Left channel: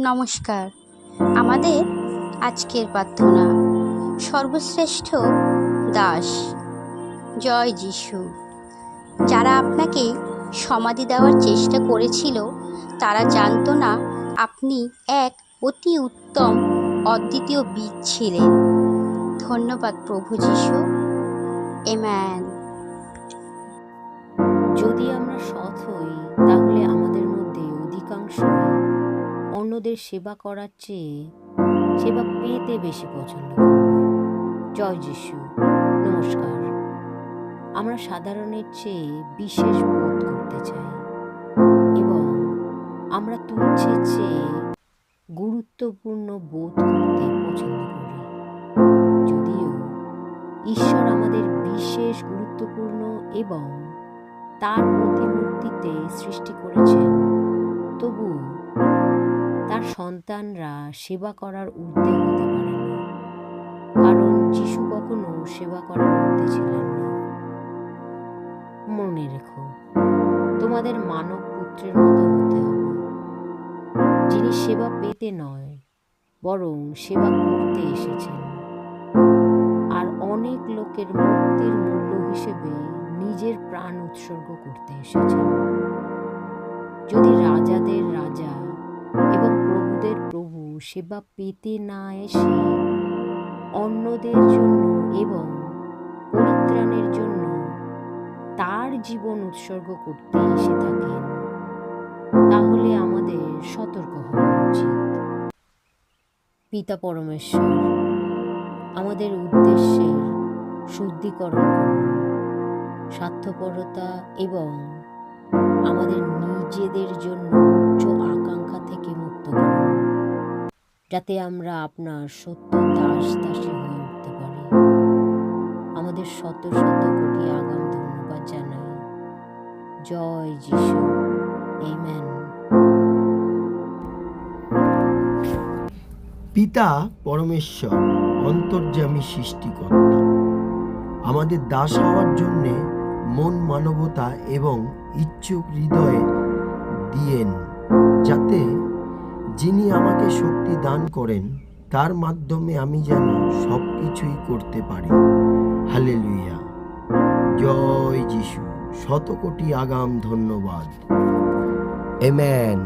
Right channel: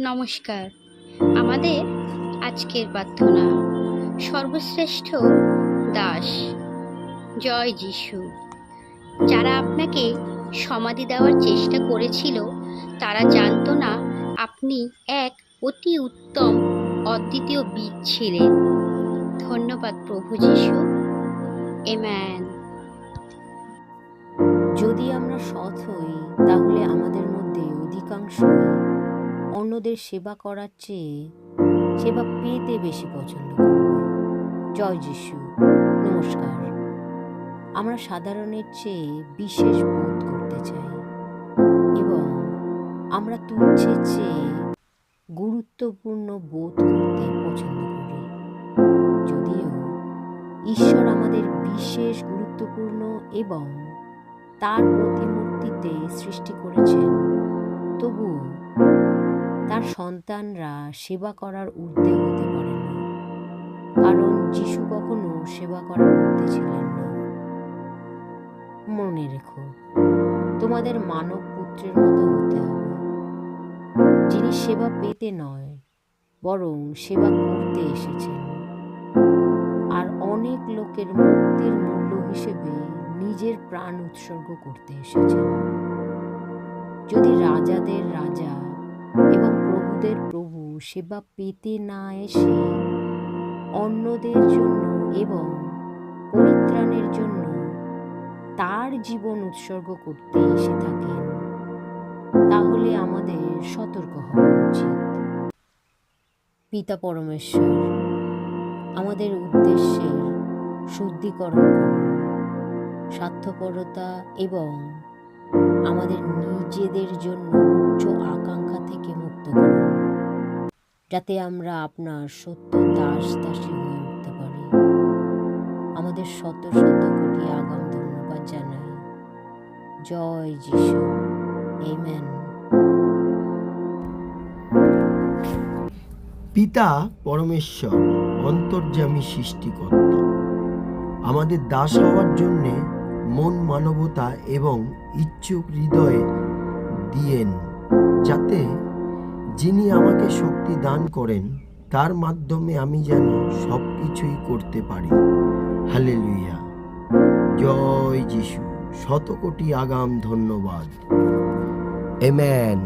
নমস্কার। আমাদের আজকের প্রার্থনা, সর্বশ্রেষ্ঠ দাস, জয় যিশু। যারা আপনাকে সমাধি দেওয়ার চেষ্টা করেছিল তারা জানতো না আপনি এক অতি উত্তম অদ্বিতীয় বীজ ছিলেন। ধন্যবাদ প্রভু যিশু। আমেন। যদি আমরা সৎ হই তাহলে আমাদের মধ্যে অধিকাংশই অন্যদের সেবা করার চেয়ে সেবা পেতে বেশি পছন্দ করবে। জয় যিশু। নমস্কার। আমরা সাধারণের চেয়ে বিশেষ বোধ করতে চাই এবং আমরা তুচ্ছের চেয়ে গুরুত্বপূর্ণ বোধ করতে পছন্দ করি। যদিও ঈশ্বর আমাদের বিশেষ গুরুত্বপূর্ণ এবং তার প্রতিমূর্তিতে সৃষ্টি করেছেন, তবুও তার সন্তানরা সেবা করার ঊর্ধ্বে হতে পারে না, কারণ যিশু কখনো সেবা করার ঊর্ধ্বে ছিলেন না। মনে রেখো, তোমাদের মানব পুত্রের মতো হতে হবে, যিনি সেবা পেতে নয় বরং সেবা করতে এসেছেন, আর অনেক লোকের মুক্তির মূল্য হিসেবে নিজের প্রাণ উৎসর্গ করতে এসেছেন। যদি রাজাদের রাজা এবং প্রভুদের প্রভু সেবা পেতে না এসে অন্যদের জন্য এবং পরিত্রাণের জন্য তার জীবন উৎসর্গ করতে এসে থাকেন, তাহলে আমাদের সতর্ক হওয়া উচিত। পিতা পরমেশ্বর, আমাদের উদ্দেশ্যের শুদ্ধিকরণ করুন, স্বার্থপরতা এবং আমাদের নিজেদের জন্য উচ্চ আকাঙ্ক্ষা থেকে মুক্ত করুন, যাতে আমরা আপনার সত্য দাস দাসী হয়ে উঠতে পারি। আমাদের শত শত কোটি আগাম ধন্যবাদ জানাই। জয় যিশু। আমেন। পিতা পরমেশ্বর, অন্তর্যামী সৃষ্টিকর্তা, আমাদের দাস হওয়ার জন্যে মন, মানবতা এবং ইচ্ছুক হৃদয় দিয়েন, যাতে যিনি আমাকে শক্তি দান করেন তার মাধ্যমে আমি যেন সব কিছুই করতে পারি। হালেলুয়া। জয় যিশু। শত কোটি আগাম ধন্যবাদ। আমেন।